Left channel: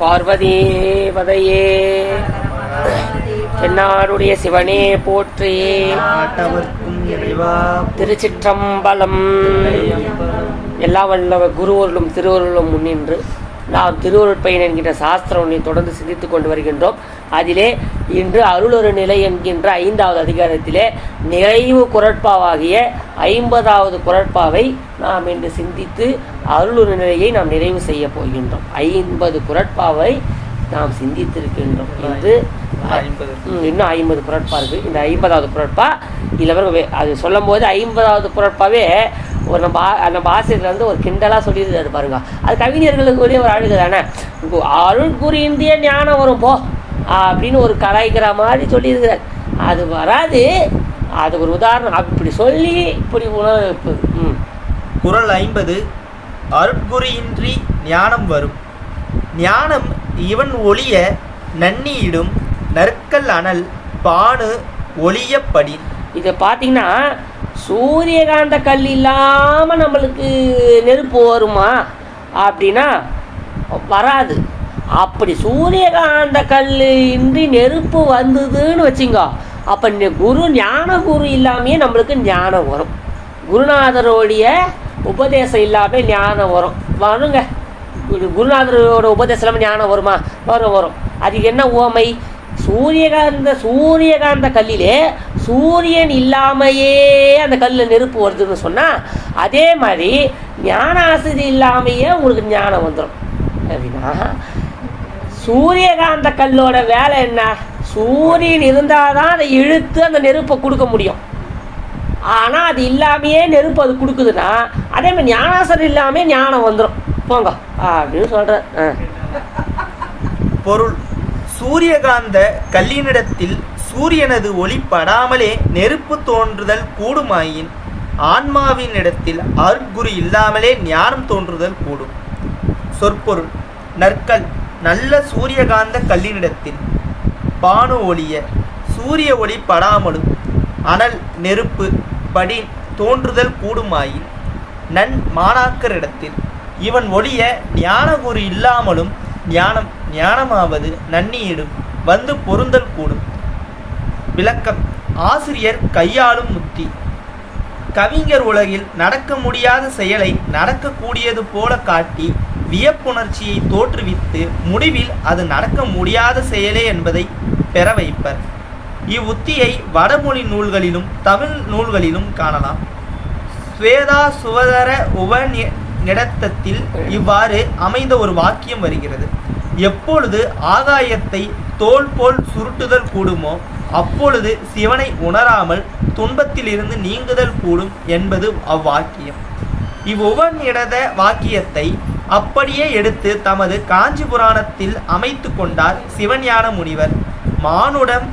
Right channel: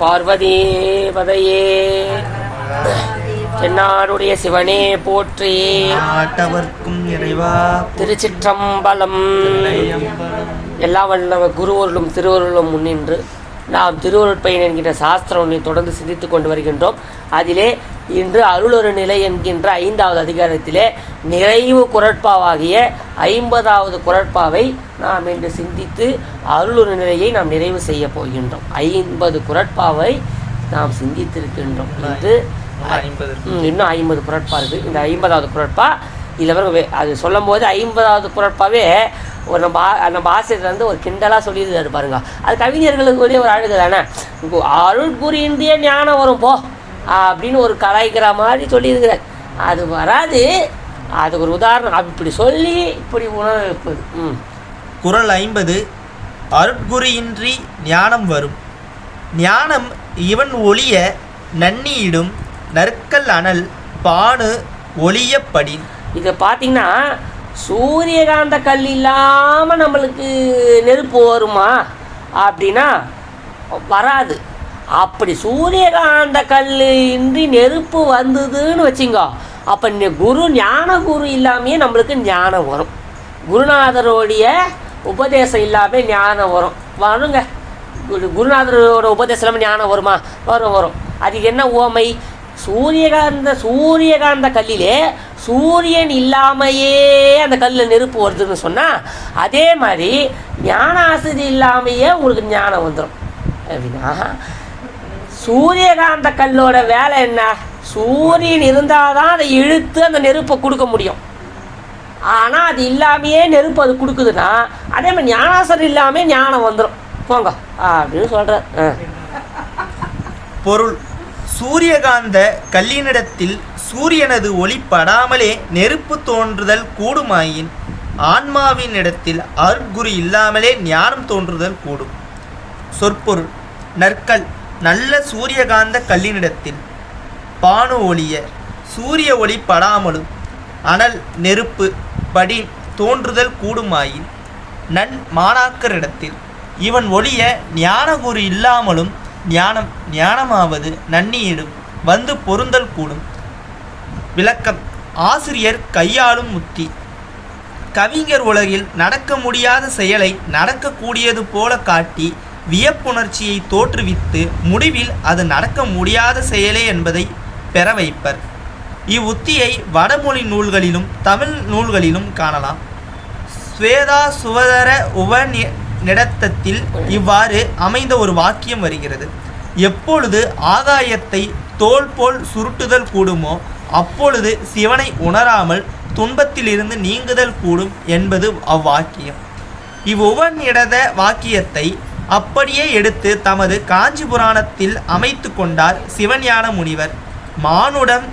பார்வதி பதையே தென்னாடுடைய சிவனே போற்றி. திருச்சிற்றம்பலம். எல்லா வல்ல குருவருளும் திருவருளும் முன்னின்று நாம் திருவருட்பயன் என்கின்ற சாஸ்திரம் ஒன்றை தொடர்ந்து சிந்தித்துக் கொண்டு வருகின்றோம். அதிலே இன்று அருளொரு நிலை என்கின்ற 5வது அதிகாரத்திலே நிறைவு குறட்பாவாகிய 50வது குறட்பாவை நாம் இன்று சிந்தித்து அருளொரு நிலையை நாம் நிறைவு செய்ய போகின்றோம். 50 குறட்பாவை நாம் சிந்தித்திருக்கின்றோம். இது இன்னும் 50 குறட்பா இருக்குது. இந்த 50வது குறட்பா இதில் அது சொல்லும் போது 50வது குறட்பாவே ஒரு நம்ம ஆசிரியர் ஒரு கிண்டலாக சொல்லியிருக்காரு பாருங்க. அது கவிஞர்களுக்கு ஒரு அழகு தானே. அருள் கூறிய ஞானம் வரும் போ அப்படின்னு ஒரு கலாய்க்கிற மாதிரி சொல்லியிருக்கிறார். அது வராது. அது ஒரு உதாரணம். இப்படி சொல்லி இப்படி உணவு. குறள் 50. அருட்குறியின்றி ஞானம் வரும். ஞானம் இவன் ஒளிய நன்னியிடும் நற்கல் அனல் பானு ஒளியப்படின். இதை பார்த்தீங்கன்னா சூரியகாந்த கல் இல்லாமல் நம்மளுக்கு நெருப்பு வருமா அப்படின்னா வராது. அப்படி சூரியகாந்த கல் இன்றி நெருப்பு வந்ததுன்னு வச்சுங்க, அப்போ ஞான குரு இல்லாமையே நம்மளுக்கு ஞானம் வரும். குருநாதருடைய உபதேசம் இல்லாமல் ஞானம் வருங்க. குருநாதரோட உபதேசம் இல்லாமல் ஞானம் வருமா? வரும். அதுக்கு என்ன உவமை? சூரியகாந்த கல்லிலே சூரியன் இல்லாமையே அந்த கல்லில் நெருப்பு வருதுன்னு சொன்னால், அதே மாதிரி ஞான ஆசிரியர் இல்லாமையே உங்களுக்கு ஞானம் வந்துடும். அப்படின்னா சூரியகாந்த கல்லோட வேலை என்ன? சூரியன் இருந்தால் தான் அதை இழுத்து அந்த நெருப்பை கொடுக்க முடியும். ஆனால் அது இல்லாமையே நெருப்பு அது கொடுக்குதுன்னா, அதே மாதிரி ஞானாசிரியர் இல்லாமல் ஞானம் வந்துடும் போங்க அப்படின்னு சொல்கிறேன். பொருள்: சூரியகாந்த கல்லினிடத்தில் சூரியனது ஒளி படாமலே நெருப்பு தோன்றுதல் கூடுமாயின், ஆன்மாவின் இடத்தில் அருட்குரு இல்லாமலே ஞானம் தோன்றுதல் கூடும். சொற்பொருள்: நற்கல் நல்ல சூரியகாந்த கல்லினிடத்தில் பானு ஒளிய சூரிய ஒளி படாமலும் அனல் நெருப்பு படி தோன்றுதல் கூடுமாயின், நன் மாணாக்கரிடத்தில் இவன் ஒளிய ஞானகுரு இல்லாமலும் ஞானமாவது நன்னியிடும் வந்து பொருந்தல் கூடும். விளக்கம்: ஆசிரியர் கையாளும் உத்தி. கவிஞர் உலகில் நடக்க முடியாத செயலை நடக்கக்கூடியது போல காட்டி வியப்புணர்ச்சியை தோற்றுவித்து முடிவில் அது நடக்க முடியாத செயலே என்பதை பெற வைப்பர். இவ்வுத்தியை வடமொழி நூல்களிலும் தமிழ் நூல்களிலும் காணலாம். ஸ்வேதா சுவதர உபநிடத்தத்தில் இவ்வாறு அமைந்த ஒரு வாக்கியம் வருகிறது: எப்பொழுது ஆகாயத்தை தோல் போல் சுருட்டுதல் கூடுமோ அப்பொழுது சிவனை உணராமல் துன்பத்திலிருந்து நீங்குதல் கூடும் என்பது அவ்வாக்கியம். இவ்வுபநிடத வாக்கியத்தை அப்படியே எடுத்து தமது காஞ்சி புராணத்தில் அமைத்து கொண்டார் சிவஞான முனிவர். மானுடன்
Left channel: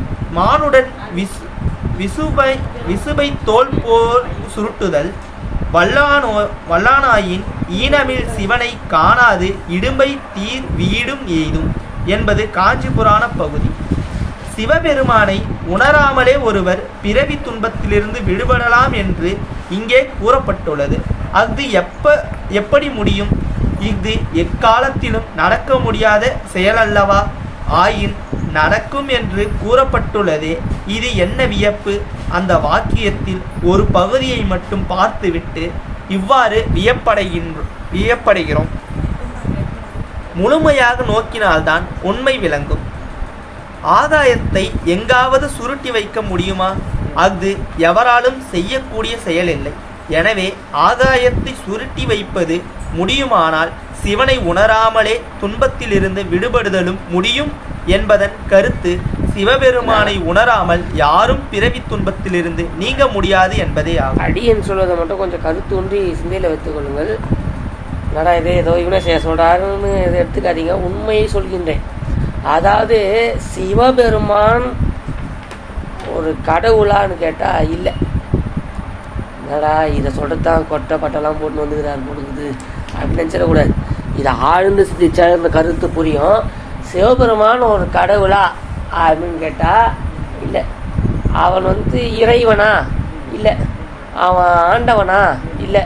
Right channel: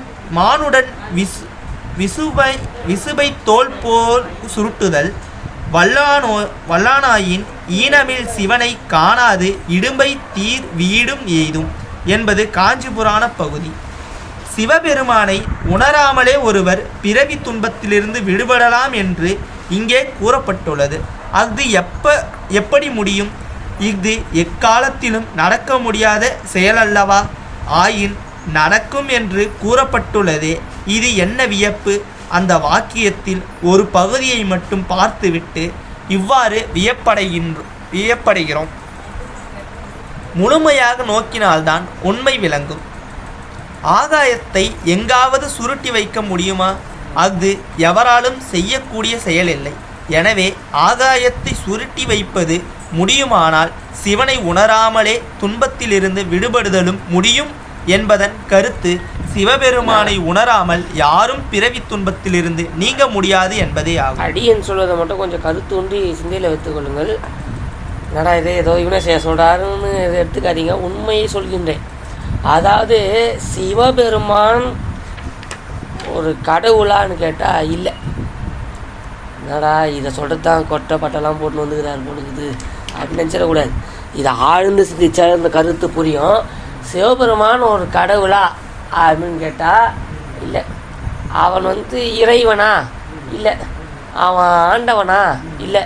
விசுபை தோல் போல் சுருட்டுதல் வல்லானாயின் ஈனமில் சிவனை காணாது இடும்பை தீர் வீடும் எய்தும் என்பது காஞ்சி புராண பகுதி. சிவபெருமானை உணராமலே ஒருவர் பிறவி துன்பத்திலிருந்து விடுபடலாம் என்று இங்கே கூறப்பட்டுள்ளது. அது எப்படி முடியும்? இது எக்காலத்திலும் நடக்க முடியாத செயலல்லவா? ஆயின் நடக்கும் என்று கூறப்பட்டுள்ளதே. இது என்ன வியப்பு? அந்த வாக்கியத்தில் ஒரு பகுதியை மட்டும் பார்த்துவிட்டு இவ்வாறு வியப்படைகிறோம். முழுமையாக நோக்கினால்தான் உண்மை விளங்கும். ஆகாயத்தை எங்காவது சுருட்டி வைக்க முடியுமா? அது எவராலும் செய்யக்கூடிய செயல் இல்லை. எனவே ஆகாயத்தை சுருட்டி வைப்பது முடியுமானால் சிவனை உணராமலே துன்பத்திலிருந்து விடுபடுதலும் முடியும் என்பதன் கருத்து சிவபெருமானை உணராமல் யாரும் பிறவி துன்பத்திலிருந்து நீங்க முடியாது என்பதே ஆகும். அடியன் சொல்வதை மட்டும் கொஞ்சம் கருத்தூன்றி சிந்தையில் வைத்துக்கொள்ளுங்கள். என்னடா இது ஏதோ இவனை செய்ய சொல்கிறாருன்னு இதை எடுத்துக்காதீங்க. உண்மையை சொல்கின்றேன். அதாவது சிவபெருமான் ஒரு கடவுளான்னு கேட்டால் இல்லை. என்னடா இதை சொல்லிட்டுதான் கொட்டை பட்டெல்லாம் போட்டு வந்துக்கிறார் போடுக்குது அப்படின்னு நினச்சிடக்கூடாது. இதை ஆழ்ந்து சிந்திச்சா இந்த கருத்து புரியும். சிவபெருமான் ஒரு கடவுளா அப்படின்னு கேட்டால் இல்லை. அவன் இறைவனா? இல்லை. அவன் ஆண்டவனா? இல்லை.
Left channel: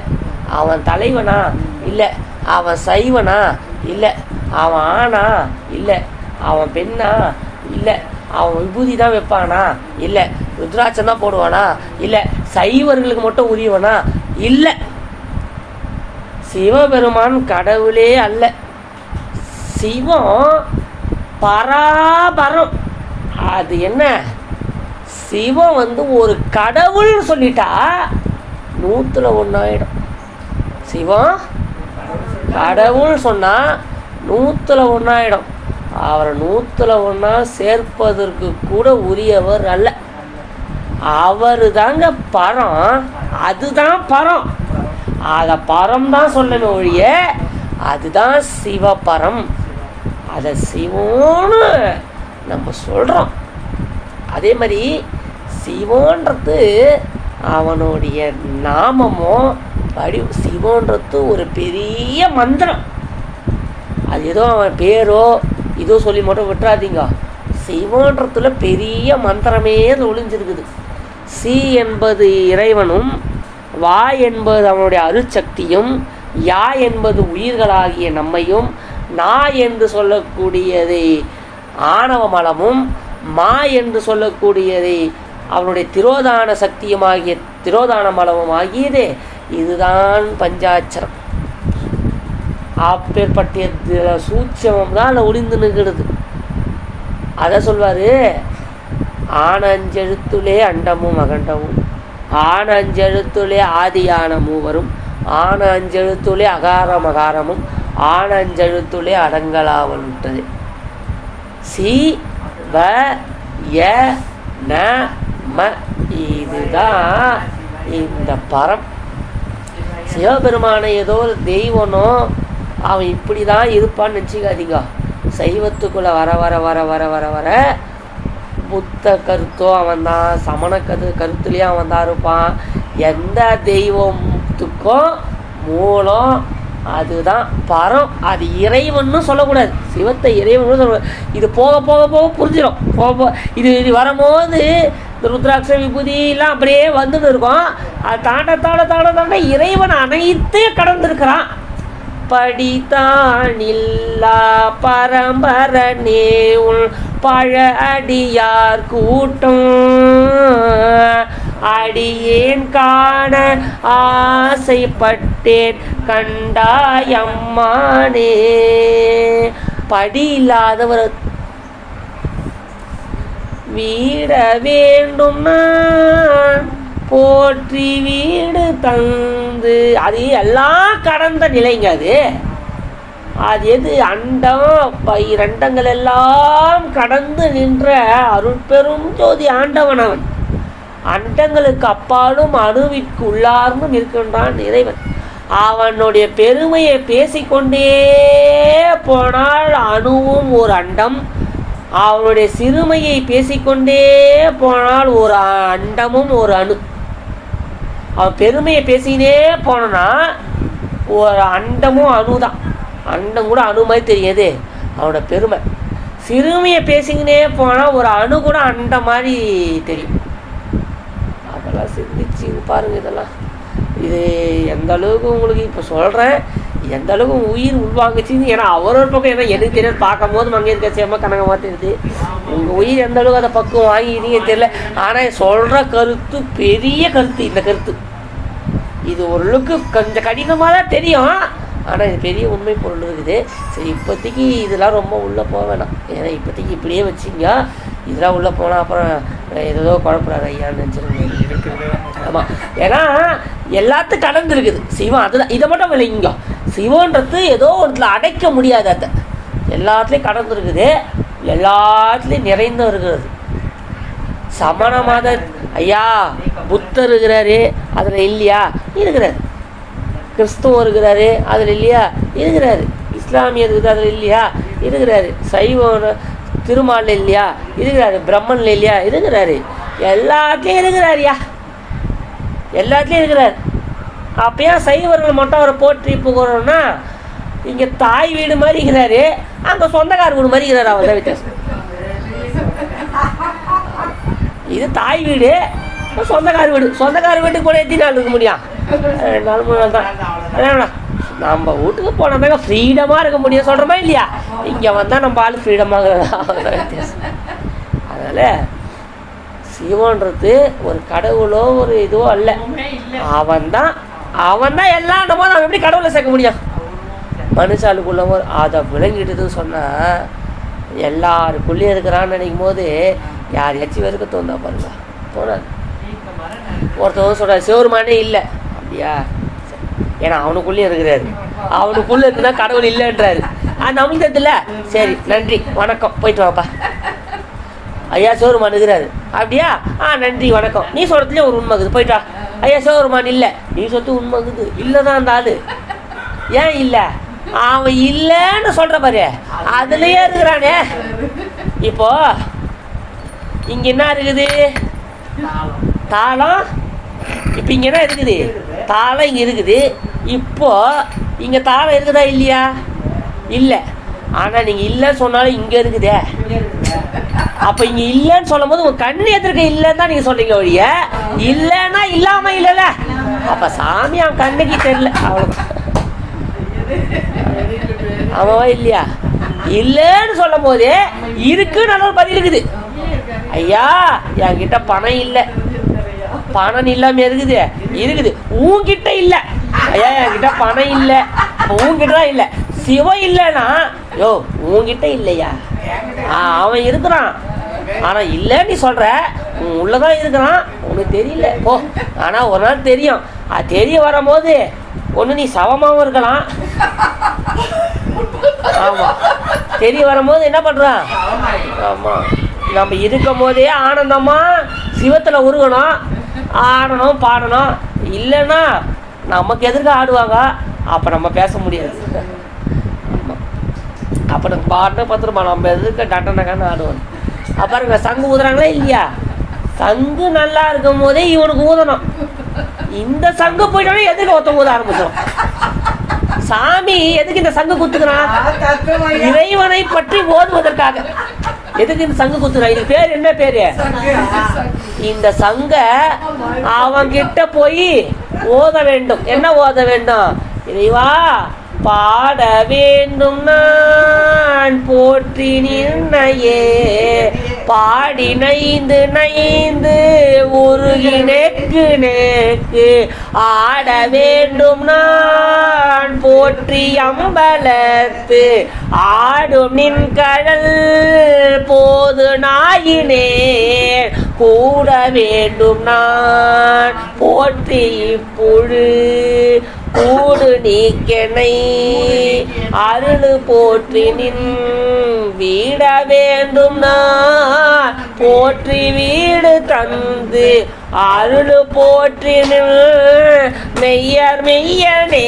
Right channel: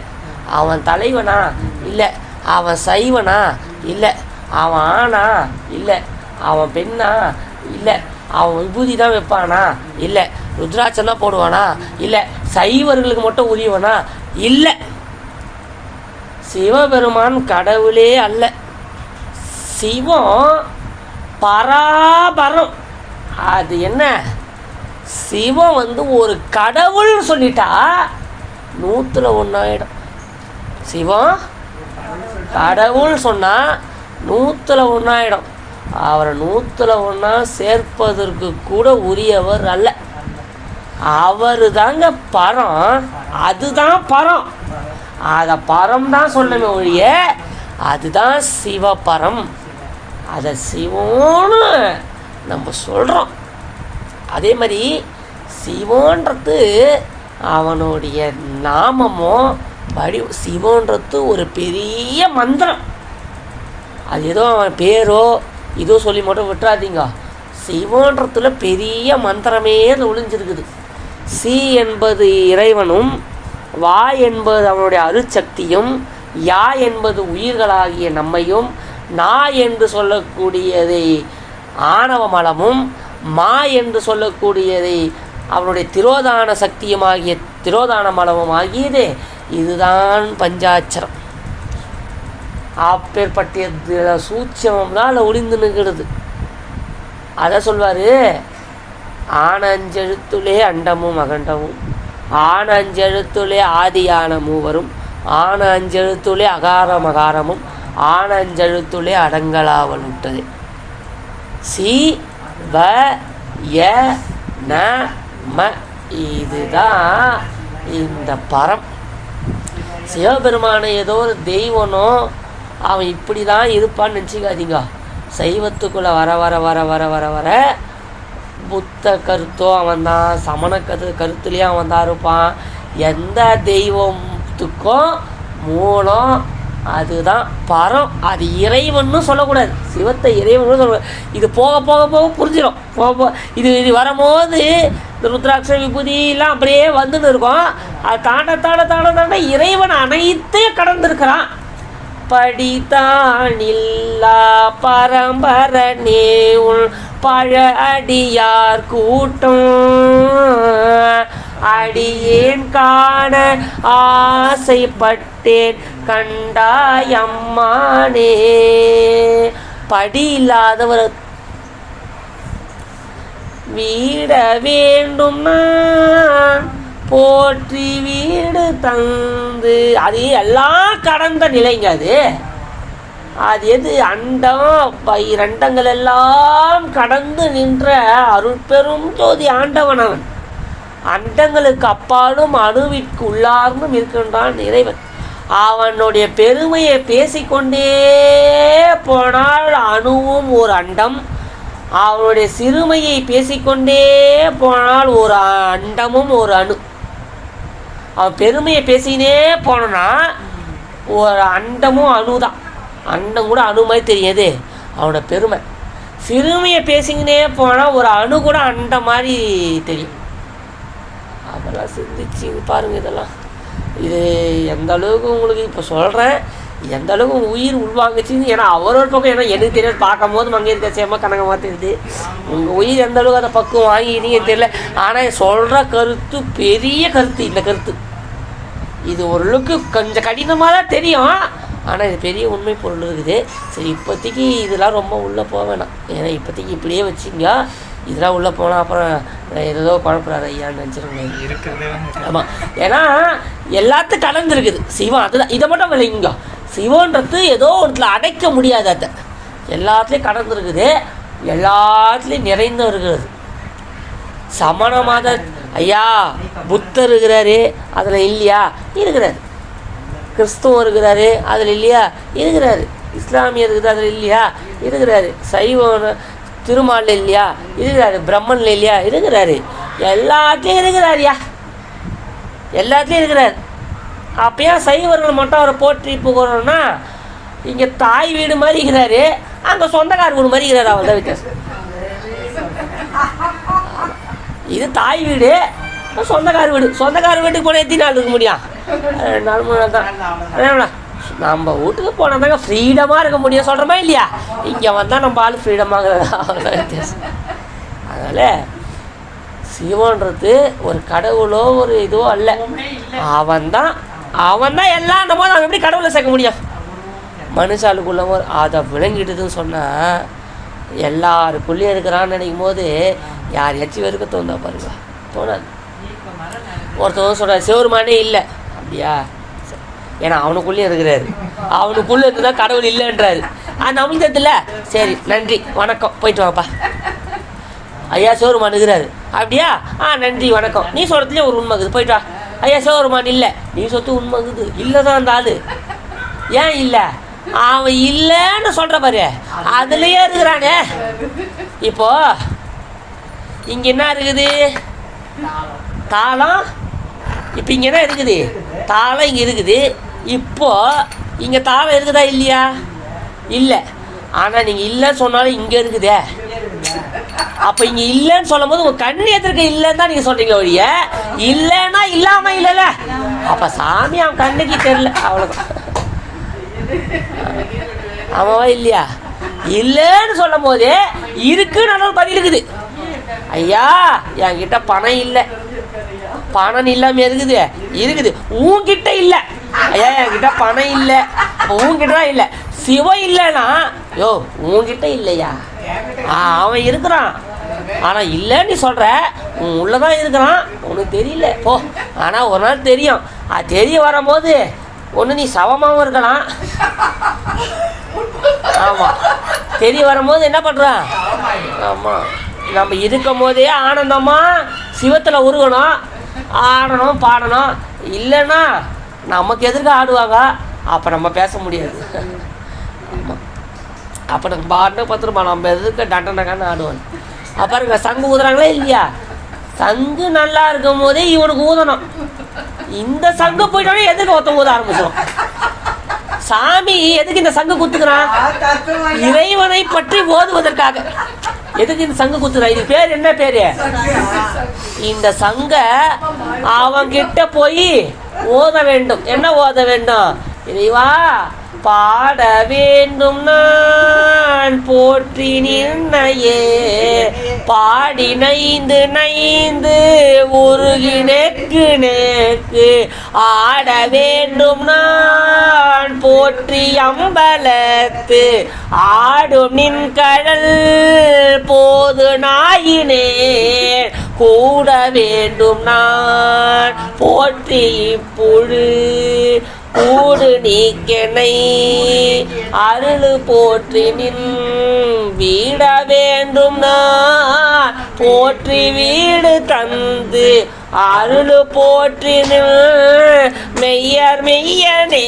அவன் தலைவனா? இல்லை. அவன் சைவனா? இல்லை. அவன் ஆனா இல்லை, அவன் பெண்ணா இல்லை, அவன் விபூதி தான் வைப்பானா இல்லை, ருத்ராட்சம் தான் போடுவானா இல்லை, சைவர்களுக்கு மட்டும் உரியவனா இல்லை. சிவபெருமான் கடவுளே அல்ல, சிவம் பராபரம். அது என்ன, சிவம் ஒரு கடவுள் சொல்லிட்டா 100ல் 1 ஆயிடும். சிவம் கடவுள் சொன்னால் 100ல் 1 ஆயிடும். அவரை 100ல் 1 சேர்ப்பதற்கு கூட உரியவர் அல்ல. அவரு தாங்க பரம், அதுதான் பரம். அதை பரம் தான் சொல்லணுமே ஒழிய அதுதான் சிவபரம். அதை சிவம்னு நம்ம சொல்கிறோம். அதே மாதிரி சிவன்றது அவனுடைய நாமமோ சிவன்றது ஒரு பெரிய மந்திரம். அது ஏதோ அவன் பேரோ இதோ சொல்லி மட்டும் விட்டுறாதீங்க. சிவன்றத்துல பெரிய மந்திரமே ஒளிஞ்சிருக்குது. சி என்பது இறைவனும், வா என்பது அவனுடைய அருட்சக்தியும், யா என்பது உயிர்களாகிய நம்மையும், நா என்று சொல்லக்கூடியதை ஆணவ மலமும், மா என்று சொல்லக்கூடியதை அவனுடைய திரோதான சக்தியுமாகிய திரோதான மலமும் ஆகியது. இதுதான் பஞ்சாட்சரம். அப்பேற்பட்ட சூட்சமம் தான் அதில் ஒளிந்து நிற்கிறது. அதை சொல்வார், ஆனஞ்செழுத்துலே அண்டமும் அகண்டமும், ஆனஞ்செழுத்துலே ஆதியான மூவரும், ஆனஞ்செழுத்துலே அகாரம் அகாரமும், ஆனஞ்செழுத்துலே அடங்கலாவல் விட்டது. சி வ ய ந ம, இதுதான் இந்த பரம். சிவபெருமானை ஏதோ ஒரு தெய்வனோ அவன் இப்படி தான் இருப்பான்னு நினச்சிக்காதீங்க. சைவத்துக்குள்ளே வர வர வர வர வர வர புத்த கருத்தோ அவன் தான், சமண கருத்துலேயும் அவன் தான் இருப்பான். எந்த தெய்வத்துக்கும் மூலம் அதுதான் பரம். அது இறைவன்னு சொல்லக்கூடாது, சிவத்தை இறைவன்னு சொல்லக்கூடாது. இது போக போக போக புரிஞ்சிடும். போக இது வரும்போது இந்த ருத்ராட்ச விபூதியெல்லாம் அப்படியே வந்துட்டு இருக்கும். அது தாண்ட தாண்ட தாண்ட தாண்ட இறைவன் அனைத்தையும் கடந்திருக்கிறான். படித்தானில்லா பரம்பரனே உள் பழ அடியார் கூட்டம், அடியேன் காண ஆசைப்பட்டேன் கண்டாயம்மானே. படி இல்லாதவர் வீட வேண்டும் நான் போற்றி வீடு தந்து, அது எல்லாம் கடந்த நிலைங்க. அது எது, அண்டம் இரண்டங்கள் எல்லாம் கடந்து நின்ற அருட்பெரும் ஜோதி ஆண்டவன் அவன். அண்டங்களுக்கு அப்பாலும் அணுவிற்கு உள்ளார்ந்தும் இருக்கின்றான் இறைவன். அவனுடைய பெருமையை பேசிக்கொண்டே போனால் அணுவும் ஒரு அண்டம், அவனுடைய சிறுமையை பேசிக்கொண்டே போனால் ஒரு அண்டமும் ஒரு அணு. அவன் பெருமையை பேசினே போனா ஒரு அண்டமும் அணு தான். அண்டம் கூட அணு மாதிரி தெரியாது அவனோட பெருமை. சிறுமையை பேசிக்கினே போனால் ஒரு அணு கூட அண்ட மாதிரி தெரியும். அதெல்லாம் சிந்திச்சு பாருங்கள். இதெல்லாம் இது எந்த அளவுக்கு உங்களுக்கு இப்போ சொல்கிறேன், எந்த அளவுக்கு உயிர் உள்வாங்குச்சின்னு. ஏன்னா அவரோட பக்கம், ஏன்னா எனக்கு தெரியாது, பார்க்கும் போது அங்கே இருக்க சேமா கணக்கு மாற்றிடுது. உங்கள் உயிர் எந்த அளவுக்கு அதை பக்குவம் வாங்கினீங்க தெரியல. ஆனால் சொல்கிற கருத்து பெரிய கருத்து. இந்த கருத்து இது ஓரளவுக்கு கொஞ்சம் கடினமாக தான் தெரியும், ஆனால் இது பெரிய உண்மை பொருள் இருக்குது. சரி, இப்போதைக்கு இதெல்லாம் ரொம்ப உள்ளே போக வேணாம். ஏன்னா இப்போதைக்கு இப்படியே வச்சுங்க. இதெல்லாம் உள்ளே போனால் அப்புறம் ஏதோ குழப்பறாரு ஐயான்னு நினச்சிருங்க. ஆமாம், ஏன்னா எல்லாத்துக்கும் கலந்து இருக்குது சிவம். அதுதான், இதை மட்டும் விளையுங்க. சிவன்றது ஏதோ ஒன்றில் அடைக்க முடியாது. அதை எல்லாத்துலேயும் கடந்துருக்குது, எல்லாத்துலேயும் நிறைந்தும் இருக்கிறது. சமண மத ஐயா புத்தர் இருக்கிறாரு, அதில் இல்லையா? இருக்கிறாரு. கிறிஸ்துவம் இருக்கிறாரு, அதில் இல்லையா? இருக்கிறாரு. இஸ்லாமியர் இருக்குது, அதில் இல்லையா? இருக்கிறாரு. சைவம் திருமாலில் இல்லையா? இருக்கிறாரு. பிரம்மனில் இல்லையா? இருக்கிறாரு. எல்லாத்துலேயும் இருக்கிறாருயா, எல்லாத்துலேயும் இருக்கிறார். அப்போ சைவர்கள் மட்டும் அவரை போற்றி போகிறோன்னா, இங்கே தாய் வீடு மாதிரி இருக்கிறாரு, அங்கே சொந்தக்கார வீடு மாதிரி இருக்கிறார். அவர் தான் வித்தியாசம். இது தாய் வீடு, சொந்தக்கார வீடு. சொந்தக்கார வீட்டுக்கு போனால் எத்தனை நாள் இருக்க முடியும்? 2 நாள் 3 நாள் தான். நம்ம வீட்டுக்கு போனால் தாங்க ஃப்ரீடமாக இருக்க முடியும் சொல்கிறோமா இல்லையா? இங்கே வந்தால் நம்ம ஆள் ஃப்ரீடமாக வித்தியாசம். அதனால் சிவன்றது ஒரு கடவுளோ ஒரு இதுவோ அல்ல. அவன் தான் எல்லாம் நம்ம எப்படி கடவுளை சேர்க்க முடியும்? மனுஷாளுக்குள்ளவோ அதை விளங்கிடுதுன்னு சொன்னால் எல்லாருக்குள்ளேயும் இருக்கிறான்னு நினைக்கும் போது யாரையாச்சும் வெறுக்க தோந்தா பாருங்க, தோணாது. ஒருத்தவங்க சொல்கிறார் சிவருமானே இல்லை, அப்படியா? ஏன்னா அவனுக்குள்ளேயே இருக்கிறாரு, அவனுக்குள்ளே இருந்துதான் கடவுள் இல்லைன்றாரு. நம்மளுக்கு தெரியல. சரி நன்றி வணக்கம் போயிட்டு வாப்பா, ஐயா சிவருமான் இருக்கிறாரு, அப்படியா? நன்றி வணக்கம். நீ சொல்கிறதுலேயே ஒரு உண்மை இருக்குது, போயிட்டா. ஐயா சிவருமான் இல்லை, நீ சொல்றது உண்மை இருக்குது. இல்லை தான் அந்த ஆள். ஏன் இல்லை? அவன் இல்லைன்னு சொல்கிற பாரு, அதுலேயே இருக்கிறானே. இப்போ இங்கே என்ன இருக்குது? தாளம். இப்போ இங்கே என்ன இருக்குது? தாளம் இங்கே இருக்குது. இப்போ இங்கே தாளம் இருக்குதா இல்லையா? இல்லை. ஆனால் நீங்கள் இல்லைன்னு சொன்னாலும் இங்கே இருக்குதே. அப்போ இங்கே இல்லைன்னு சொல்லும் போது உங்கள் கண்ணு எதிர்க்க இல்லைன்னு தான் நீங்கள் சொல்கிறீங்க ஒழிய இல்லைன்னா இல்லாமல் இல்லைல்ல. அப்போ சாமி அவன் கண்ணுக்கு தெரியல, அவ்வளோதான். ஆமாவா இல்லையா? இல்லைன்னு சொல்லும் போது இருக்குன்னு ஒரு பதில் இருக்குது. ஐயா என்கிட்ட பணம் இல்லை, பணம் இல்லாமல் இருக்குது. உன்கிட்ட இல்லை. ஐயா என்கிட்ட பணம் இல்லை, உன்கிட்ட தான் இல்லை. சிவம் இல்லைன்னா யோ உன்கிட்ட இல்லையா? அவன் இருக்கிறான், ஆனால் இல்லைன்னு நீ சொல்கிற. உன் உள்ளதான் இருக்கிறான், உனக்கு தெரியல போ. ஆனால் ஒரு நாள் தெரியும். அது தெரிய வரும்போது ஒன்று நீ சவமாகவும் இருக்கலாம். ஆமாம், தெரிய வரும்போது என்ன பண்ணுறான்? ஆமாம், நம்ம இருக்கும் போதே ஆனந்தமாக சிவத்தில் உருகணும், ஆடணும் பாடணும். இல்லைன்னா நமக்கு எதிர்க்க ஆடுவாங்க, அப்போ நம்ம பேச முடியாது. ஆமாம், அப்போ நம்ம பாட்டு பார்த்துருப்போம், நம்ம எதிர்க்க டண்டனக்கான ஆடுவோம். அப்புறம் இங்கே சங்கு ஊதுறாங்களே இல்லையா? சங்கு நல்லா இருக்கும் போதே இவனுக்கு ஊதணும். இந்த சங்கு போயிட்டோடனே எதுக்கு ஒருத்த ஊத ஆரம்பிச்சோம்? சாமி எதுக்கு இந்த சங்கு குத்துக்கிறான்? இறைவனை பற்றி ஓதுவதற்காக. எதுக்கு இந்த சங்கு குத்துறான்? இது பேர் என்ன பேரு? இந்த சங்க அவன்கிட்ட போய் ஓத வேண்டும். என்ன ஓத வேண்டும்? இறைவா பாட வேண்டும் நான் போற்றி நின்னையே, பாடி நைந்து நைந்து உருகி நெக்கு நெக்கு ஆட வேண்டும் நான் போற்றி அம்பலத்து ஆடும் நின் கடல் போது நாயினே கூட வேண்டும் நான் போற்றி புழு கூடு நீக்கெனை அருள் போற்றி நின் வீட வேண்டும் நான் போற்றி வீடு தந்து அருள் போற்றி நின் மெய்யர் மெய்யனே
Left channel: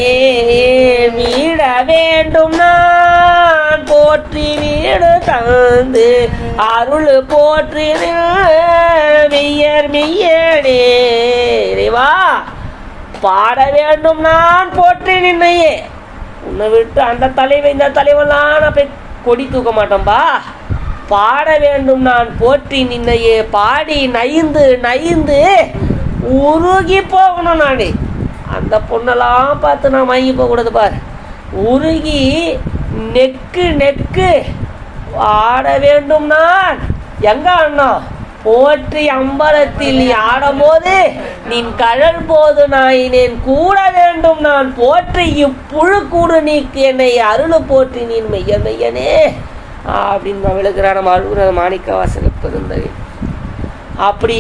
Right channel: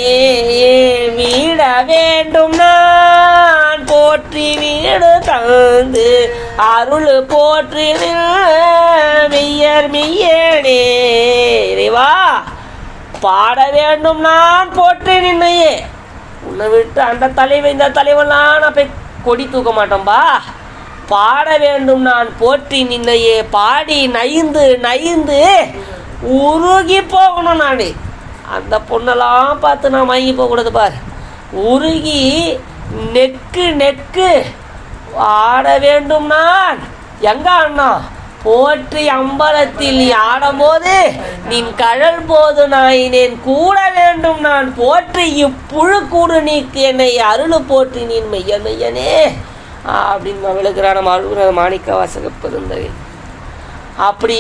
வீட வேண்டும் நான் போற்றி வீடு தந்து அருள் போற்றி நின் மெய்யர் மெய்யனே. இறைவா பாட வேண்டும் நான் போற்றி நின்னையே. உன்னை விட்டு அந்த தலைவன் இந்த தலைவன்லாம் நான் போய் கொடி தூக்க மாட்டோம்பா. பாட வேண்டும் நான் போற்றி நின்னையே, பாடி நைந்து நைந்து உருகி போகணும். நான் அந்த பொண்ணெல்லாம் பார்த்து நான் மயங்கி போகக்கூடாது பார். உருகி நெக்கு நெக்கு ஆட வேண்டும் நான். எங்க அண்ணா போற்றி அம்பலத்தில் நீ ஆடும்போது நின் கழல் போது நாயினேன் கூட வேண்டும் நான் போற்றி இப்புழு கூடு நீக்கு என்னை அருள் போற்றி நீன் மெய்ய மெய்யனே அப்படின்னு நான் விழுக்கிறார் நம்ம அருள்கிற மாணிக்க வாசக பெருந்தகை. அப்படி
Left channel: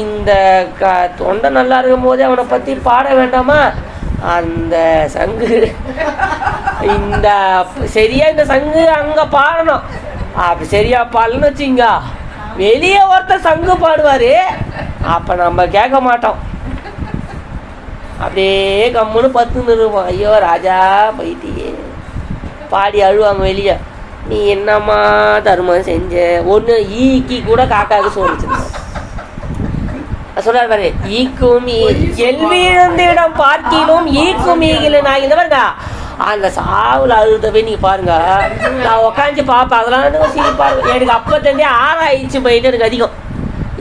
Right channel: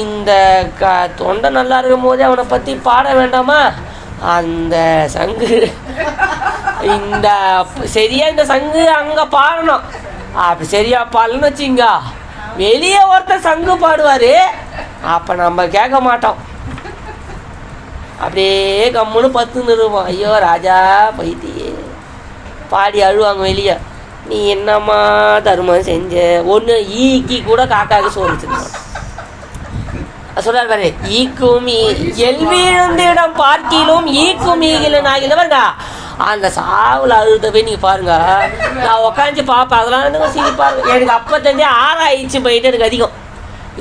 இந்த தொண்டை நல்லா இருக்கும் போதே அவனை பற்றி பாட வேண்டாமா? அந்த சங்கு இந்த சரியா இந்த சங்கு அங்கே பாடணும். அப்படி சரியா பாடலன்னு வச்சிங்க, வெளியே ஒருத்தர் சங்கு பாடுவார், அப்போ நம்ம கேட்க மாட்டோம். அப்படியே கம்முன்னு பத்துன்னு இருப்போம். ஐயோ ராஜா போயிட்டியே பாடி அழுவாங்க வெளியே. நீ என்னம்மா தர்மம் செஞ்ச? ஒன்று ஈக்கி கூட காக்காவுக்கு சோறு சொல்றாரு பாரு. ஈக்கும் எல்விழுந்திடம் பார்க்கிலும் ஈக்கும் ஈகிலும் ஆகினவர்ங்க அந்த சாவில் அழுதவே நீங்கள் பாருங்க. நான் உக்காந்து பார்ப்பேன், அதெல்லாம் சிரிப்பாரு. எனக்கு அப்போ தெரிஞ்சே ஆராய்ச்சி போயிட்டு எனக்கு அதிகம்.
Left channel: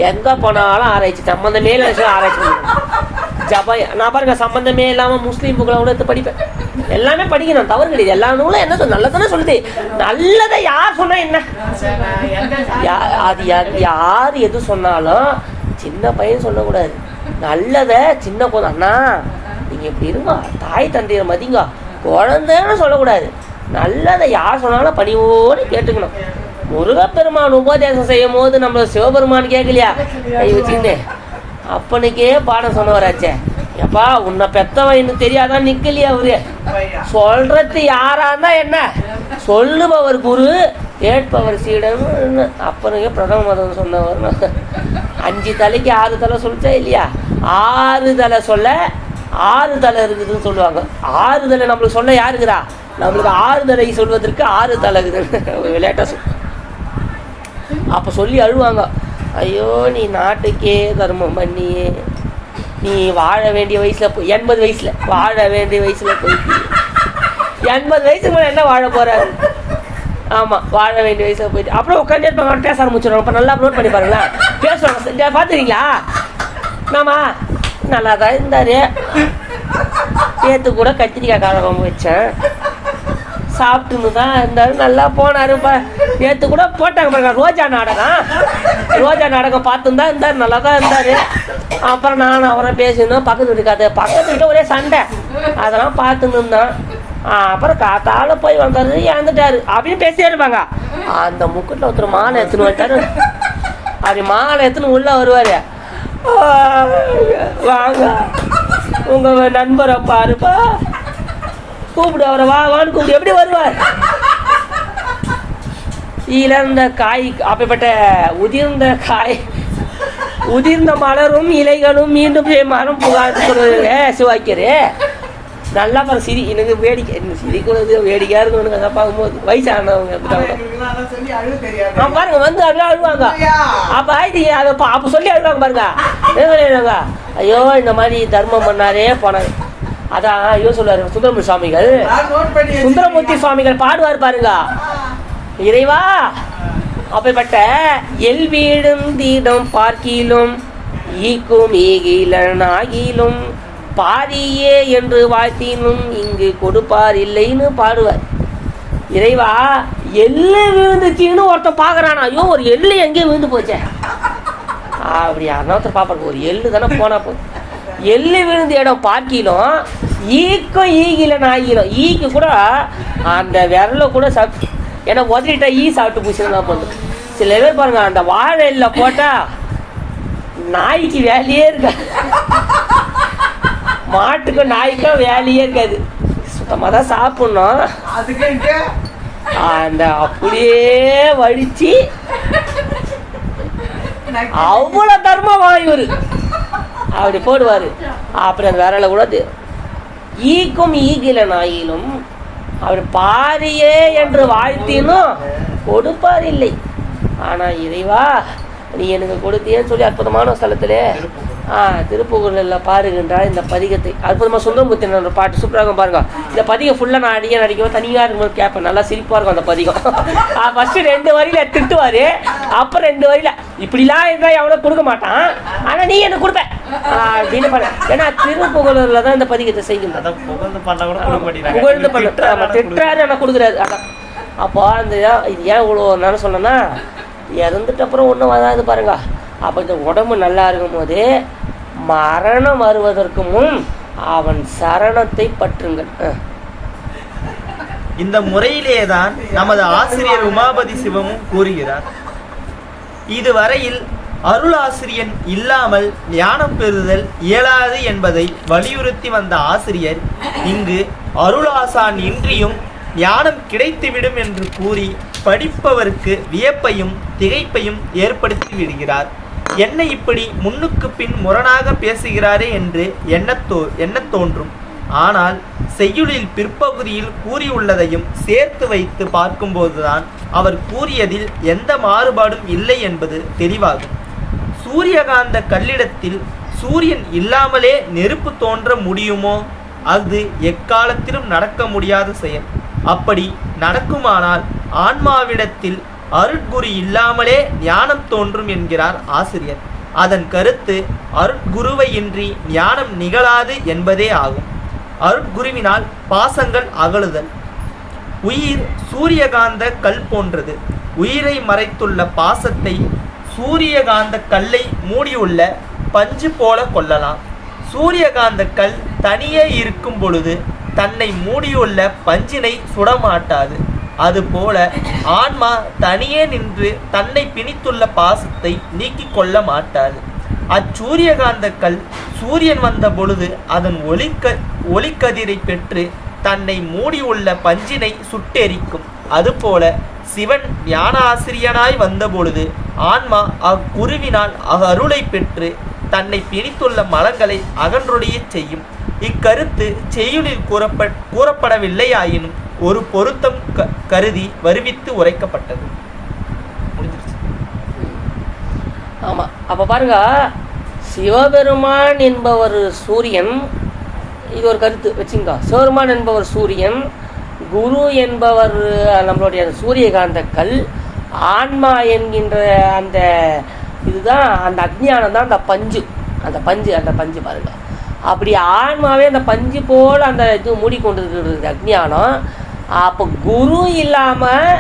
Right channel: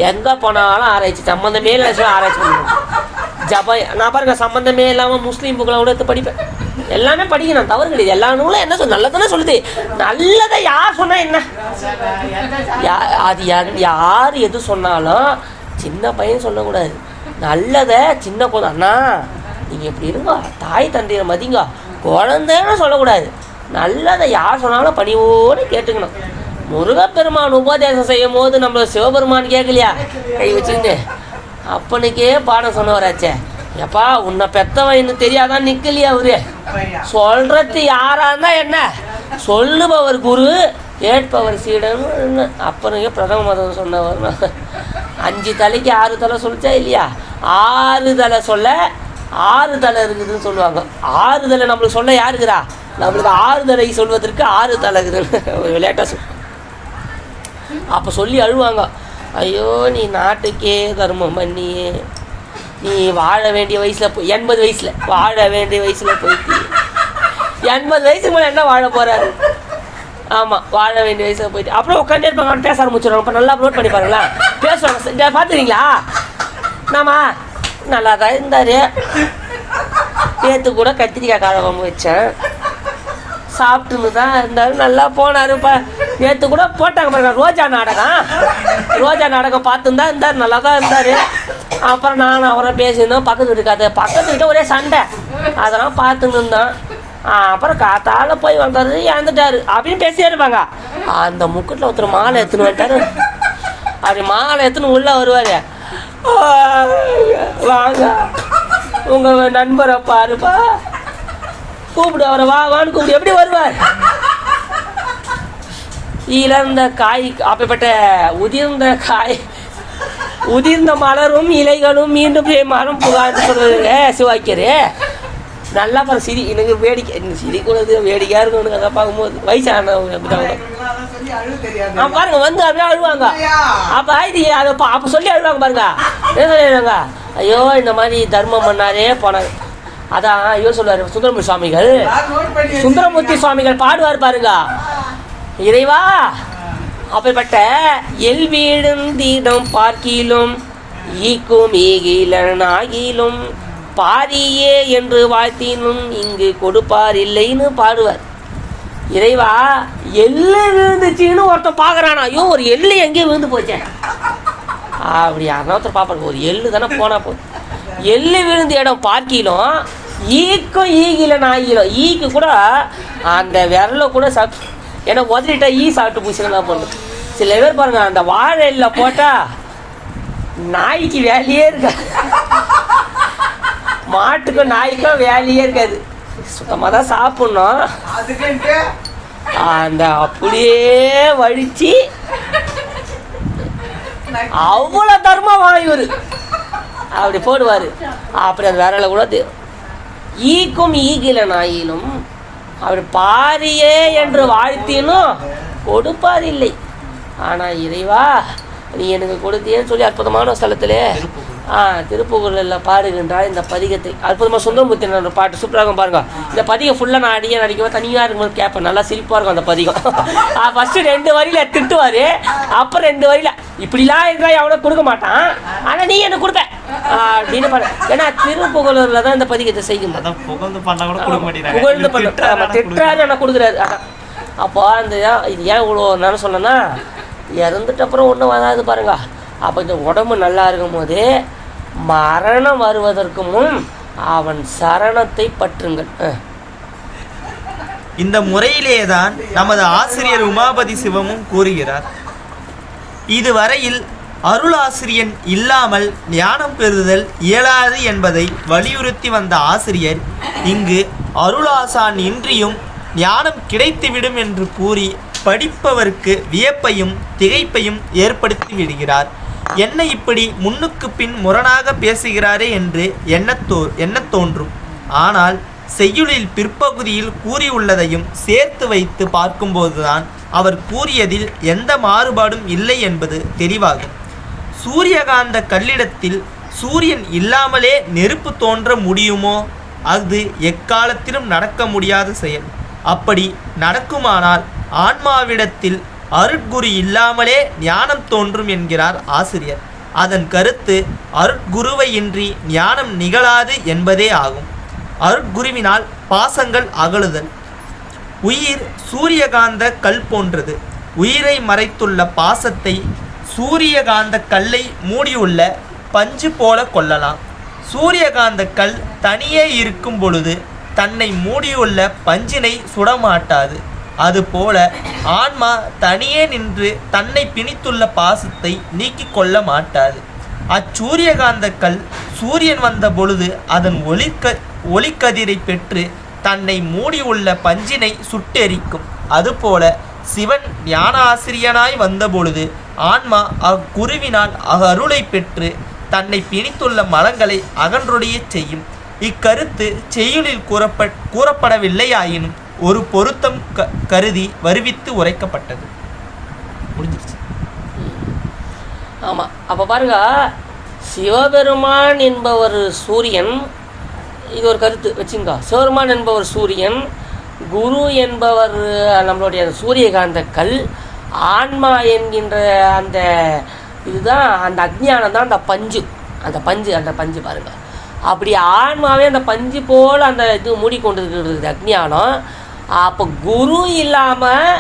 எங்கே போனாலும் ஆராய்ச்சி, சம்மந்தமே இல்லை ஆராய்ச்சி பண்ணுவேன். நான் பாருங்க சம்மந்தமே இல்லாமல் முஸ்லீம் புக்களை கூட எடுத்து படிப்பேன். எல்லாமே படிக்கணும், தவறு கிடையாது. எல்லா நூலும் என்ன நல்லதானே சொல்லுது. நல்லதை யார் சொன்னா என்ன, அது யார் எது சொன்னாலும் சின்ன பையன் சொல்லக்கூடாது. நல்லதை சின்ன குழந்தை, அண்ணா நீங்கள் இப்படி இருங்க, தாய் தந்தையை மதிங்க, குழந்தைன்னு சொல்லக்கூடாது. நல்லதை யார் சொன்னாலும் பணிவோடு கேட்டுக்கணும். முருகப்பெருமான் உபதேசம் செய்யும் போது நம்ம சிவபெருமான் கேட்கலையா, கை வச்சுருந்து அப்பனுக்கே பாடம் சொன்னவராச்சே, எப்பா உன்னை பெத்தவன் இன்னும் தெரியாதான் நிற்கலையா அவரு. சொல்றது யாரா இருந்தா என்ன, சொல்லுபவர் குரு கேட்பவர் சீடன். அப்பனுக்கே பிரதம மதம் சொன்னவர். 5 தலைக்கு 6 தலை சொல்லிச்சா இல்லையா, 6 தலை சொல்ல 6 தலை இருக்குதுன்னு சொல்லுவாங்க. 6 தலை நம்மளுக்கு சொல்ல யாருக்குறா, நம்மளுக்கு 6 தலை சொல்வதற்கு 6 தலை இருக்குதுன்னு விளையாட்டா அப்போ சொல்லி அழுவாங்க. ஐயோ நீ நாட்டுக்கே தர்மம் பண்ணி நீ வாழ வேண்டிய வயசில் 80 வயசில் வாழ வேண்டிய வயசில் போயிட்டு 80 வயசுக்கு மேலே என்ன வாழ போகிறாரு. ஆமாம், வாழ வேண்டிய வயசில் போயிட்டு அப்புறம் உட்காந்து இருப்பாங்க, பேச ஆரம்பிச்சிடுவாங்க. இப்போ நல்லா அப்லோட் பண்ணி பாருங்களா, பேசுவாங்க. பார்த்துறீங்களா, நாமா நல்லா தான் இருந்தார், நேற்று கூட கத்திரிக்காய் காரம் வச்சேன், சாப்பிட்டுன்னு தான் இருந்தார், நல்லா போனாருப்பா. நேற்று கூட போட்டாங்க பாருங்க ரோஜா நாடகம் பார்த்துன்னு தான் இருந்தார், நல்லா தான் இருந்தார். அப்புறம் நான் அவரை பேசியிருந்தோம், பக்கத்து வீட்டுக்கிட்ட ஒரே சண்டை, அதெல்லாம் பார்த்துன்னு இருந்தேன். அப்புறம் காத்தால போய் வந்தாரு, இறந்துட்டாரு அப்படின்னு பேசியே இருப்பாங்க. அந்த முக்கட்டில் ஒருத்தர் மாலை எடுத்துன்னு வந்துட்டாரு. அப்படி மாலை எடுத்துன்னு உள்ள வருவார், வாங்க உங்கள் நண்பரை பாருப்பா, கூப்பிடு அவரை, வான்னு கூப்பிடு. எப்படி வருவார், இழந்த காய் அப்படிப்பட்ட உதிர்ந்த மலரும் இலைகளும் மீண்டும் மரம் புகார் சொல்வது சிவாக்கியரு. நல்லா பாரு சிரி, எனக்கு வேடிக்கை சிரிக்கிறது வேடிக்கையாக இருக்கும். எனக்கு அதை பார்க்கும்போது வயசானவங்க பாருங்க வந்து அப்படியே அழுவாங்க. அப்போ இது அதை அப்போ சொல்லி அழுவாங்க பாருங்க. என்ன ஐயோ இந்த மாதிரி தர்மம் பண்ணாரே போனாங்க. அதான் ஐயோ சொல்லுவார் சுந்தரமூர்த்தி சுவாமிகள் பாடுவார் பாருங்க, இறைவா அப்படிப்பட்ட எல் வீடும் தீடம் பார்க்கிலும் ஈக்கும் ஈகிலன் ஆகிலும் பாரியே என்று வாழ்த்தினும் இங்கு கொடுப்பார் இல்லைன்னு பாடுவார். இறைவா எள்ளு விழுந்துச்சின்னு ஒருத்தன் பார்க்குறானா, ஐயோ ஒரு எள்ளு எங்கேயும் விழுந்து போச்சேன் அப்படி யாருன்னா பார்ப்பாங்க. ஒரு எள்ளு தானே போனா போதும், எள்ளு விழுந்த இடம் பார்க்கிலும் ஈக்கும் ஈகிலன் ஆகிலும். ஈக்கு கூட அந்த விரல கூட சாப்பிட்டு, ஏன்னா உதறிட்டா ஈ சாப்பிட்டு பூசினா பண்ணும். சில பேர் பாருங்க, அந்த வாழை இல்லை போட்டால் நாய்க்கு வேலையே இருக்காது, மாட்டுக்கும் நாய்க்கும் வேலையே இருக்காது, சுத்தமாக தான் சாப்பிட்ணும். அந்த அப்படியே வழிச்சு அவ்வளோ தர்மம் வாங்கிவரு அப்படி போடுவார். அப்படி அந்த விரல கூட ஈக்கும் ஈகில நாயிலும் அவர் பாரியே என்று வாழ்த்தினும் கொடுப்பார் இல்லை. ஆனால் இறைவா நீ எனக்கு கொடுத்தியேன்னு சொல்லி அற்புதமான ஸ்தலத்திலே திருப்புகழில் பாடுகின்றார் இந்த பதிகத்தை. அற்புதமாக சுந்தரமூர்த்தி பாட்டு சூப்பராக பாருங்க. இந்த பதிகம் ஃபுல்லாக நான் அடியே நடிக்கும்போது தனியாக இருக்கும்போது கேட்பேன், நல்லா சிரிப்பாக இருக்கும் அந்த பதிகம். ஃபஸ்ட்டு 2 வரியில் திட்டுவார், அப்புறம் 2 வரியில் இப்படிலாம் இருந்தால் எவ்வளோ கொடுக்க மாட்டான், ஆனால் நீ எனக்கு கொடுப்ப அப்படின்னு பாரு. ஏன்னா திருப்புகழில் தான் இந்த பதிகத்தை செய்கின்றார். புகழ்ந்து பண்ண திட்டுறாரு ஆனால் கொடுக்குறாரு. அதான் அப்போ அந்த இது ஏன் இவ்வளோ நான் சொன்னேன்னா, இறந்துட்ட அப்புறம் ஒன்றும் வராது பாருங்க. அப்போ இந்த உடம்பு நல்லா இருக்கும் போது மரணம் வருவதற்கு முன் அவன் சரணத்தை பற்றுங்கள். இந்த முறையிலேதான் நமது ஆசிரியர் உமாபதி சிவமும் கூறுகிறார். இதுவரையில் அருளாசிரியன் இல்லாமல் ஞானம் பெறுதல் இயலாது என்பதை வலியுறுத்தி வந்த ஆசிரியர் இங்கு அருளாசான் இன்றியும் ஞானம் கிடைத்துவிடும் என்று கூறி படிப்பவருக்கு வியப்பையும் திகைப்பையும் ஏற்படுத்தி விடுகிறார். என்ன இப்படி முன்னுக்கு பின் முரணாக பேசுகிறாரே என்று எண்ணத் தோன்றும். ஆனால் செய்யுளில் பிற்பகுதியில் கூறியுள்ளதையும் சேர்த்து வைத்து பார்க்கும்போதுதான் அவர் கூறியதில் எந்த மாறுபாடும் இல்லை என்பது தெளிவாகும். சூரியகாந்த கல்லிடத்தில் சூரியன் இல்லாமலே நெருப்பு தோன்ற முடியுமோ? அது எக்காலத்திலும் நடக்க முடியாத செயல். அப்படி நடக்குமானால் ஆன்மாவிடத்தில் அருட்குரு இல்லாமலே ஞானம் தோன்றும் என்கிறார் ஆசிரியர். அதன் கருத்து அருட்குருவையின்றி ஞானம் நிகழாது என்பதே ஆகும். அருட்குருவினால் பாசங்கள் அகலுதல். உயிர் சூரியகாந்த கல் போன்றது. உயிரை மறைத்துள்ள பாசத்தை சூரியகாந்த கல்லை மூடியுள்ள பஞ்சு போல கொள்ளலாம். சூரியகாந்த கல் தனியே இருக்கும் பொழுது தன்னை மூடியுள்ள பஞ்சினை சுடமாட்டாது. அதுபோல ஆன்மா தனியே நின்று தன்னை பிணித்துள்ள பாசத்தை நீக்கிக் கொள்ள மாட்டாது. அச்சூரியகாந்த கல் சூரியன் வந்த பொழுது அதன் ஒளிக்கதிரை பெற்று தன்னை மூடியுள்ள பஞ்சினை சுட்டெரிக்கும். அதுபோல சிவன் ஞானாசிரியனாய் வந்தபொழுது ஆன்மா அக்குருவினால் அருளை பெற்று தன்னை பிணித்துள்ள மலங்களை அகன்றொடைய செய்யும். இக்கருத்து செய்யுளில் கூறப்படவில்லையாயினும் ஒரு பொருத்தம் கருதி வருவித்து உரைக்கப்பட்டது. முடிஞ்சிருச்சு. ஆமாம். அப்போ பாருங்க, சிவபெருமான் என்பவர் சூரியன், இது ஒரு கருத்து வச்சுங்க. சிவபெருமான் என்பவர் சூரியன், குரு என்பவர் நம்மளுடைய சூரியகாந்த கல், ஆன்மா என்கின்ற அந்த இதுதான் அந்த அக்ஞானம் தான் அந்த பஞ்சு பாருங்க. அப்படி ஆன்மாவே அந்த பஞ்சு போல் அந்த இது மூடிக்கொண்டு இருக்கிறது அக்ஞானம். அப்போ குரு இல்லாமல்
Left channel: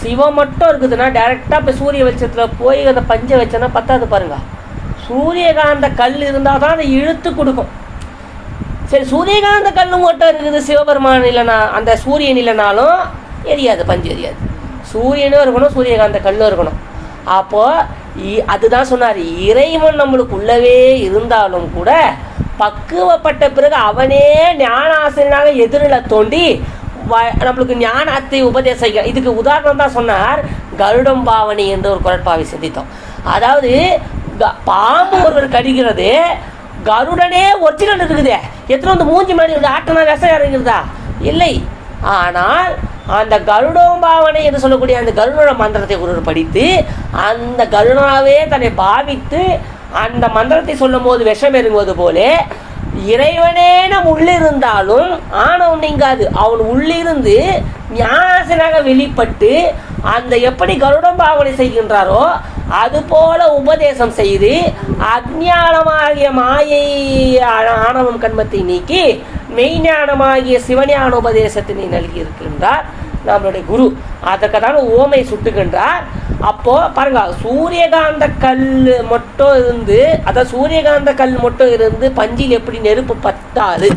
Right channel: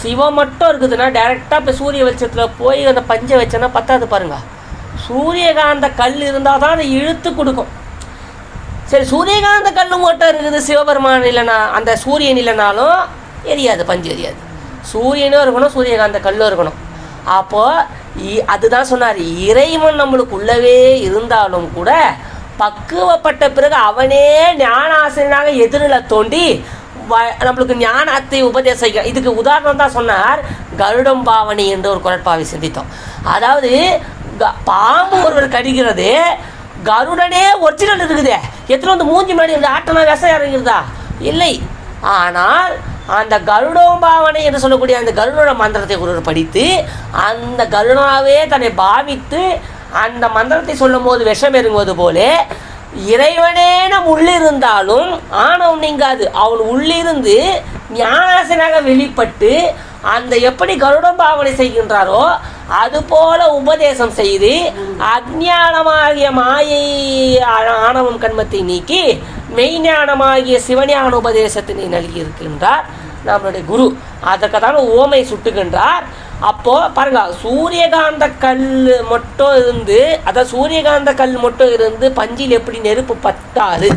சிவம் மட்டும் இருக்குதுன்னா டைரெக்டாக இப்போ சூரிய வெளிச்சத்தில் போய் அந்த பஞ்சை வச்சோன்னா பத்தாது பாருங்க. சூரியகாந்த கல் இருந்தால் தான் அதை இழுத்து கொடுக்கும். சரி, சூரியகாந்த கல் மட்டும் இருக்குது, சிவபெருமான் இல்லைனா அந்த சூரியன் இல்லைனாலும் எரியாது, பஞ்சு எரியாது. சூரியனும் இருக்கணும், சூரியகாந்த கல்லும் இருக்கணும். அப்போது அதுதான் சொன்னார், இறைவன் நம்மளுக்கு உள்ளவே இருந்தாலும் கூட பக்குவப்பட்ட பிறகு அவனே ஞானாசிரியனாக எதிரில் தோண்டி நம்மளுக்கு ஞானத்தை உபதேசிக்க. இதுக்கு உதாரணம் தான் சொன்னார் கருடம் பாவனி என்று ஒரு குரட்பாவை சிந்தித்தோம். அதாவது பாம்பு ஒருவர் கடிக்கிறது, கருடனே ஒரிஜினல் இருக்குதே, எத்தனை வந்து மூஞ்சி மாதிரி இருந்து ஆட்டனா விஷம் இறங்குறதா இல்லை. ஆனால் அந்த கருடோபாவனை என்று சொல்லக்கூடிய அந்த கருட மந்திரத்தை ஒருவர் படித்து அந்த கருணாவே தன்னை பாவித்து அந்த மந்திரத்தை சொல்லும் போது விஷம் இறங்குவது போல இறைவனே நம் உள்ளிருந்தாலும் ஆணவம் நீங்காது. அவன் உள்ளிருந்து ஞானாசனாக வெளிப்பட்டு அந்த எப்படி கருடம் பாவனை செய்கின்றாரோ அதுபோல உபதேசம் செய்து அஞ்ஞானமாகிய மாயை ஆணவம் கண்மத்தை நீக்கி மெய்ஞானமாகிய சிவஞான உபதேசத்தினை நல்கியிருக்கின்றார் நம்மளுடைய குரு. அதற்கு தான் ஓமை சுட்டுகின்றார். அப்போது பாருங்க, சூரியகாந்த கல் மட்டும் இருந்து, அதாவது சூரியகாந்த கல் மட்டும் இருந்து பஞ்சில் எப்படி நெருப்பு பத்தாது,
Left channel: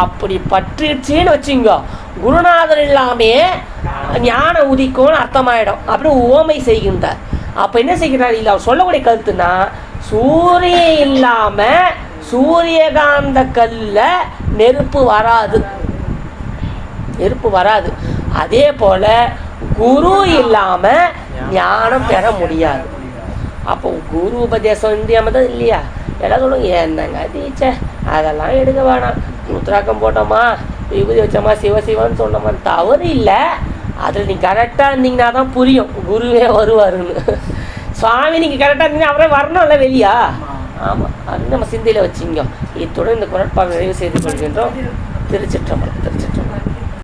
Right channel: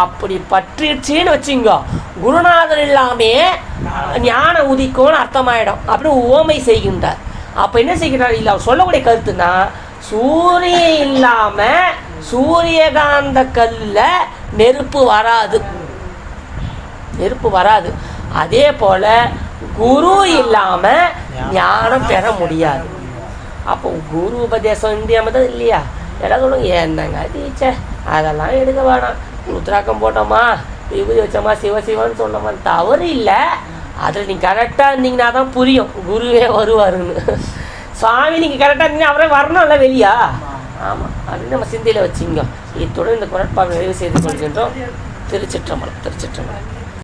அப்படி பற்றிடுச்சின்னு வச்சுங்க, குருநாதர் இல்லாமே ஞான உதிக்கும்னு அர்த்தமாயிடும். அப்படி ஓமை செய்கின்றார். அப்போ என்ன செய்கிறார், இல்லை அவர் சொல்லக்கூடிய கருத்துனா, சூரியன் இல்லாமல் சூரியகாந்த கல்ல நெருப்பு வராது. அதே போல குரு இல்லாமல் ஞானம் பெற முடியாது. அப்போ குரு உபதேசம் இந்தியா தான் இல்லையா, எல்லாரும் என்னங்க டீச்சர் அதெல்லாம் எடுக்க வேணாம், உத்ராக்கம் போட்டோமா விபூதி வச்சோமா சிவசிவன்னு சொன்னோமா, தவறு இல்லை. அதில் நீங்கள் கரெக்டாக இருந்தீங்கன்னா தான் புரியும் குருவே வருவாருன்னு. சுவாமி நீங்கள் கரெக்டாக இருந்தீங்கன்னா அவரே வரணும்ல வெளியா. ஆமாம், அது நம்ம சிந்தையில் வச்சுங்க. இத்துடன் இந்த குரட்பாவை நிறைவு செய்து கொள்கின்றோம். திருச்சிற்றம்பலம்.